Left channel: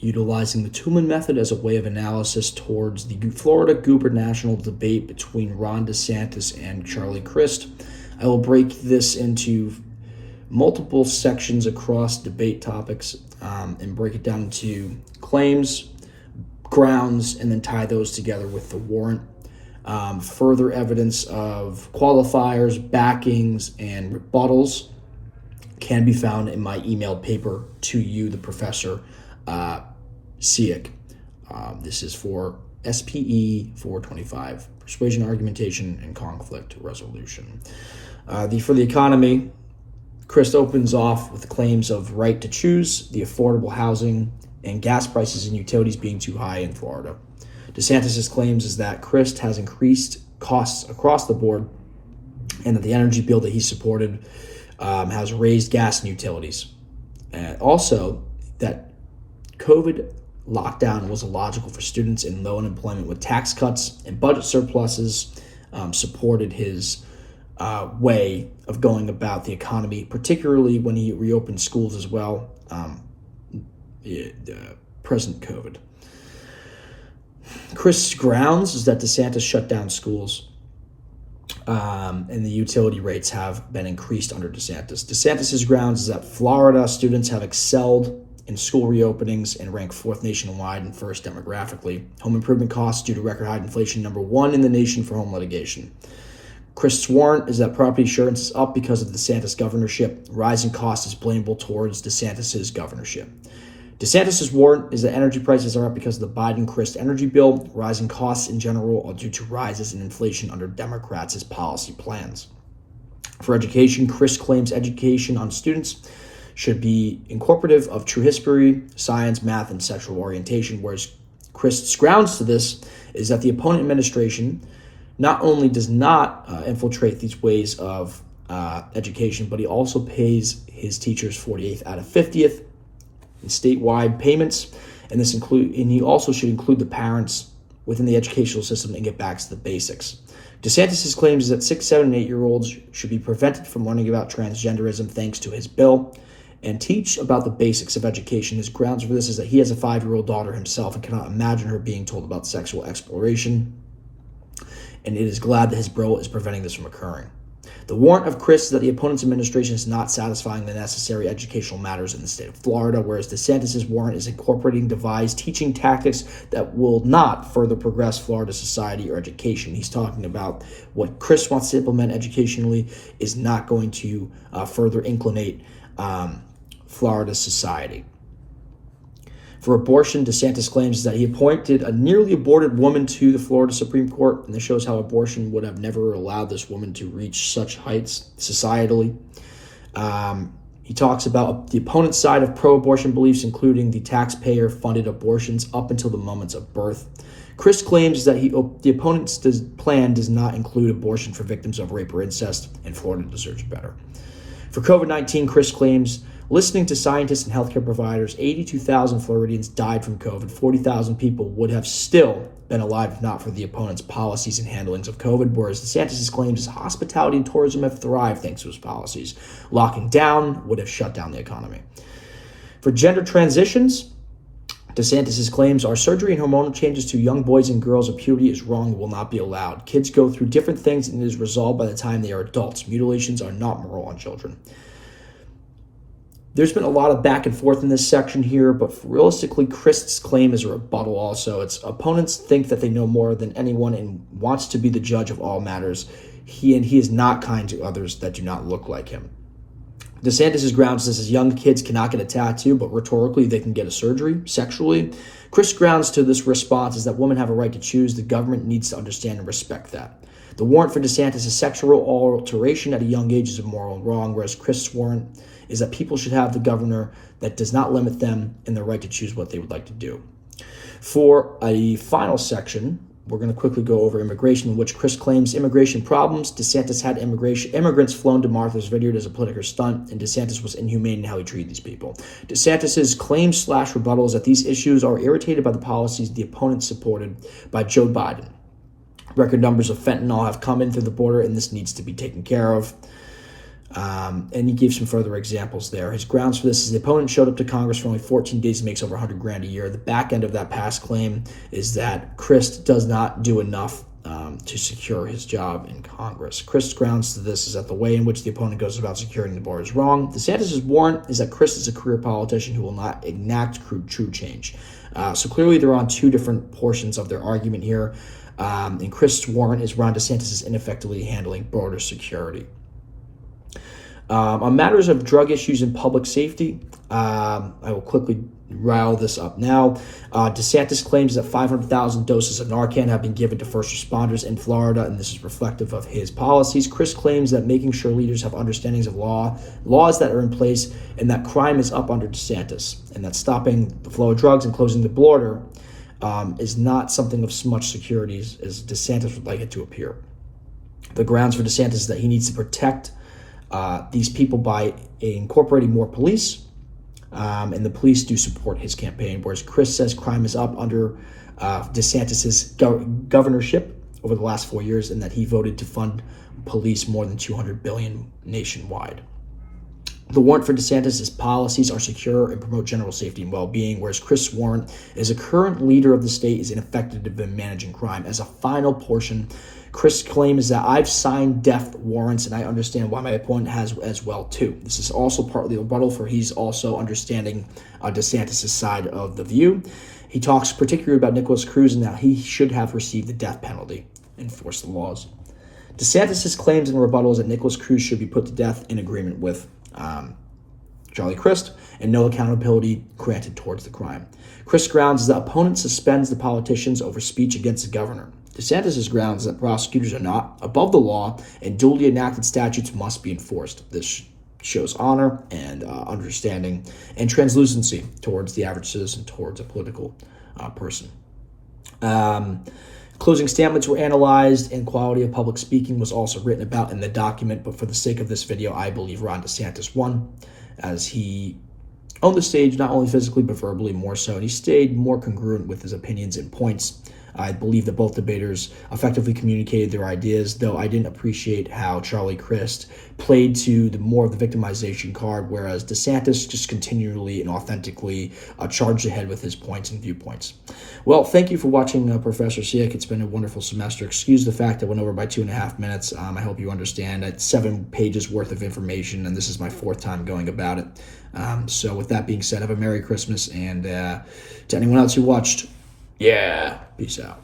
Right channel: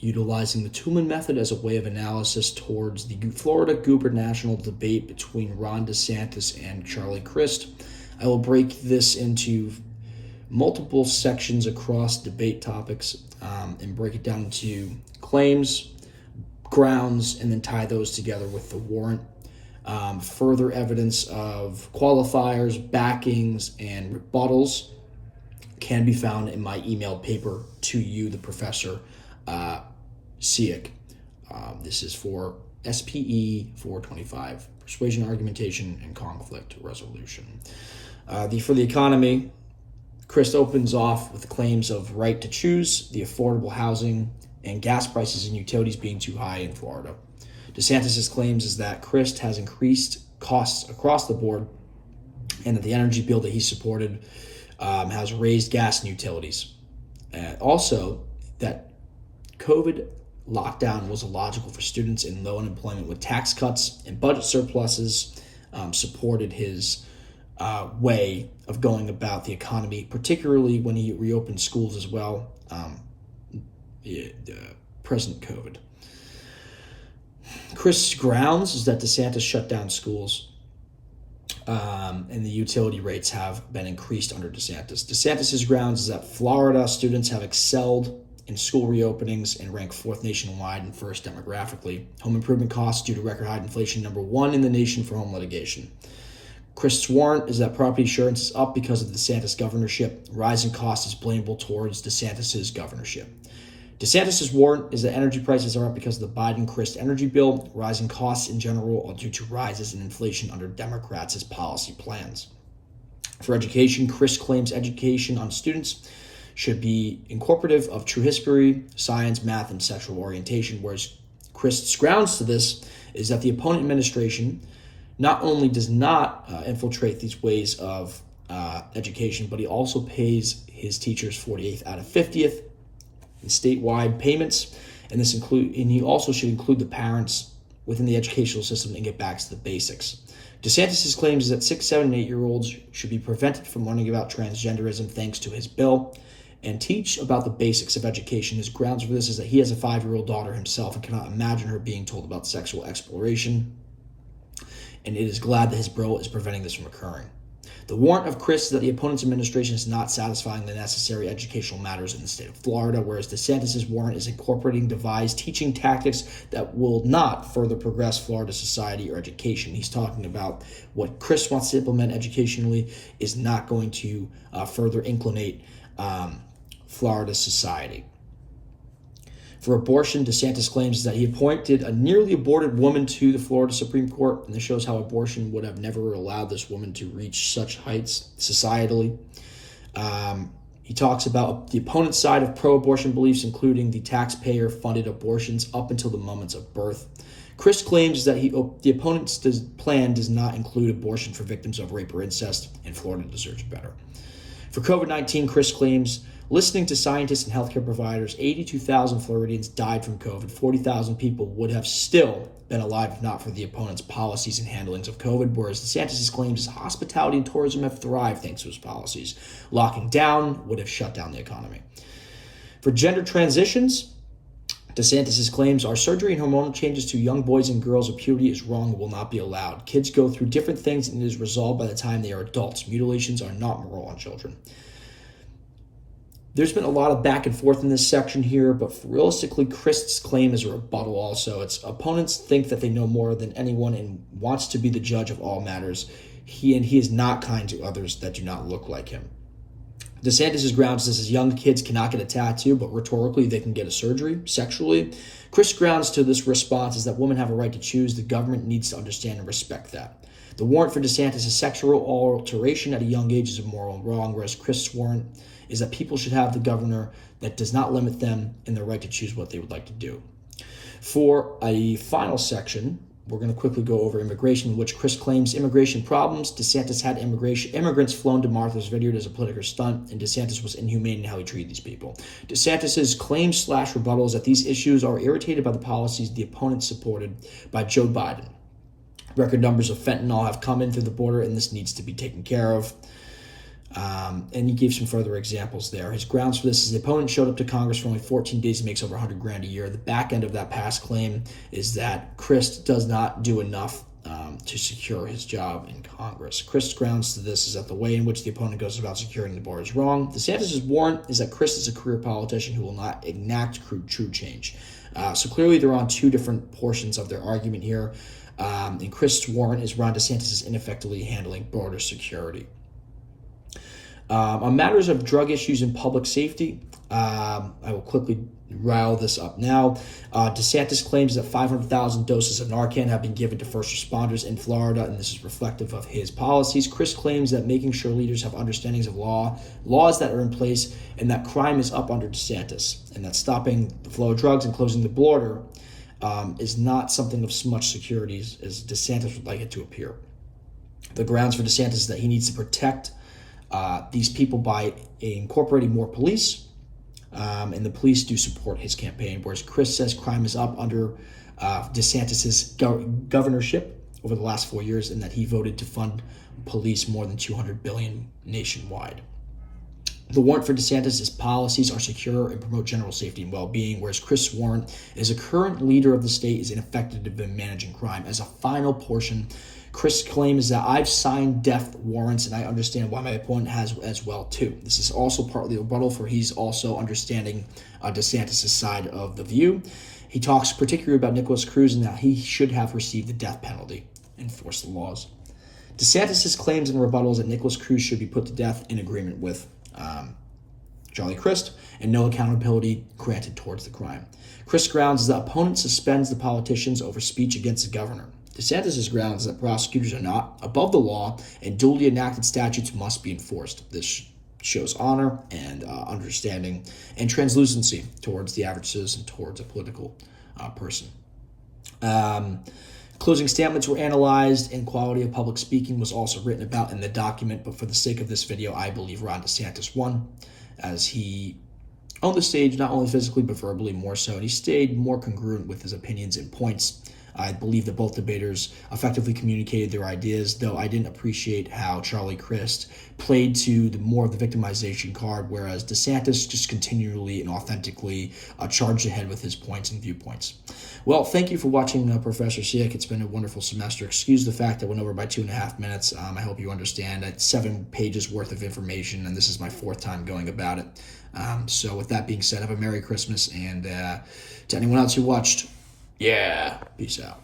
utilizing the Toulmin method as a way of analysis towards the Florida Gubernational debate between Ron DeSantis and Charlie Crist. I will break this into multiple sections across debate topics and break it down into claims, grounds, and then tie those together with the warrant. Further evidence of qualifiers, backings, and rebuttals can be found in my emailed paper to you, the professor, SEIC. This is for SPE-425, Persuasion, Argumentation, and Conflict Resolution. For the economy, Crist opens off with the claims of right to choose, the affordable housing, and gas prices and utilities being too high in Florida. DeSantis' claims is that Crist has increased costs across the board and that the energy bill that he supported has raised gas and utilities. Also, that COVID lockdown was illogical for students in low unemployment with tax cuts and budget surpluses supported his way of going about the economy, particularly when he reopened schools as well, present COVID. Crist's grounds is that DeSantis shut down schools and the utility rates have been increased under DeSantis. DeSantis' grounds is that Florida students have excelled in school reopenings and ranked fourth nationwide and first demographically. Home improvement costs due to record high inflation, number one in the nation for home litigation. Crist's warrant is that property insurance is up because of the DeSantis governorship. Rising cost is blameable towards DeSantis' governorship. DeSantis' warrant is that energy prices are up because of the Biden-Crist energy bill. Rising costs in general are due to rises in inflation under Democrats' policy plans. For education, Crist claims education on students should be incorporative of true history, science, math, and sexual orientation, whereas Crist's grounds to this is that the opponent administration not only does not infiltrate these ways of education, but he also pays his teachers 48th out of 50th in statewide payments, and he also should include the parents within the educational system and get back to the basics. DeSantis' claims is that 6, 7, and 8-year-olds should be prevented from learning about transgenderism thanks to his bill and teach about the basics of education. His grounds for this is that he has a 5-year-old daughter himself and cannot imagine her being told about sexual exploration, and it is glad that his bill is preventing this from occurring. The warrant of Crist is that the opponent's administration is not satisfying the necessary educational matters in the state of Florida, whereas DeSantis' warrant is incorporating devised teaching tactics that will not further progress Florida society or education. He's talking about what Crist wants to implement educationally is not going to further inclinate Florida society. For abortion, DeSantis claims that he appointed a nearly aborted woman to the Florida Supreme Court, and this shows how abortion would have never allowed this woman to reach such heights societally. He talks about the opponent's side of pro-abortion beliefs, including the taxpayer-funded abortions up until the moments of birth. Crist claims that the opponent's plan does not include abortion for victims of rape or incest, and Florida deserves better. For COVID-19, Crist claims, listening to scientists and healthcare providers, 82,000 Floridians died from COVID. 40,000 people would have still been alive if not for the opponent's policies and handlings of COVID, whereas DeSantis' claims is hospitality and tourism have thrived thanks to his policies. Locking down would have shut down the economy. For gender transitions, DeSantis' claims are surgery and hormonal changes to young boys and girls of puberty is wrong and will not be allowed. Kids go through different things and it is resolved by the time they are adults. Mutilations are not moral on children. There's been a lot of back and forth in this section here, but realistically, Crist's claim is a rebuttal also. Its opponents think that they know more than anyone and wants to be the judge of all matters. He is not kind to others that do not look like him. DeSantis' grounds is young kids cannot get a tattoo, but rhetorically they can get a surgery sexually. Crist's grounds to this response is that women have a right to choose. The government needs to understand and respect that. The warrant for DeSantis is sexual alteration at a young age is immoral and wrong, whereas Crist's warrant is that people should have the governor that does not limit them in their right to choose what they would like to do. For a final section, we're going to quickly go over immigration, in which Crist claims immigration problems. DeSantis had immigrants flown to Martha's Vineyard as a political stunt, and DeSantis was inhumane in how he treated these people. DeSantis' claims/rebuttal is that these issues are irritated by the policies the opponent supported by Joe Biden. Record numbers of fentanyl have come in through the border, and this needs to be taken care of. And he gave some further examples there. His grounds for this is the opponent showed up to Congress for only 14 days and makes over $100,000 a year. The back end of that past claim is that Crist does not do enough to secure his job in Congress. Crist's grounds to this is that the way in which the opponent goes about securing the bar is wrong. DeSantis' warrant is that Crist is a career politician who will not enact true change. So clearly they're on two different portions of their argument here. And Crist's warrant is Ron DeSantis is ineffectively handling border security. On matters of drug issues and public safety, I will quickly rile this up now. DeSantis claims that 500,000 doses of Narcan have been given to first responders in Florida, and this is reflective of his policies. Crist claims that making sure leaders have understandings of laws that are in place, and that crime is up under DeSantis, and that stopping the flow of drugs and closing the border is not something of much security as DeSantis would like it to appear. The grounds for DeSantis is that he needs to protect these people by incorporating more police, and the police do support his campaign, whereas Crist says crime is up under DeSantis' governorship over the last 4 years, and that he voted to fund police more than $200 billion nationwide. The warrant for DeSantis' policies are secure and promote general safety and well-being, whereas Crist's warrant is a current leader of the state is ineffective in managing crime. As a final portion, Crist's claim is that I've signed death warrants, and I understand why my opponent has as well too. This is also partly a rebuttal, for he's also understanding DeSantis' side of the view. He talks particularly about Nicholas Cruz and that he should have received the death penalty, enforce the laws. DeSantis' claims and rebuttals that Nicholas Cruz should be put to death in agreement with Charlie Crist, and no accountability granted towards the crime. Crist's grounds is that opponent suspends the politicians over speech against the governor. DeSantis' grounds is that prosecutors are not above the law and duly enacted statutes must be enforced. This shows honor and understanding and translucency towards the average citizen, towards a political person. Closing statements were analyzed, and quality of public speaking was also written about in the document, but for the sake of this video, I believe Ron DeSantis won, as he owned the stage not only physically but verbally more so, and he stayed more congruent with his opinions and points. I believe that both debaters effectively communicated their ideas, though I didn't appreciate how Charlie Crist played to more of the victimization card, whereas DeSantis just continually and authentically charged ahead with his points and viewpoints. Well, thank you for watching Professor Siak. It's been a wonderful semester. Excuse the fact that I went over by 2.5 minutes. I hope you understand. It's 7 pages worth of information, and this is my 4th time going about it. So with that being said, have a Merry Christmas, and to anyone else who watched, yeah, peace out.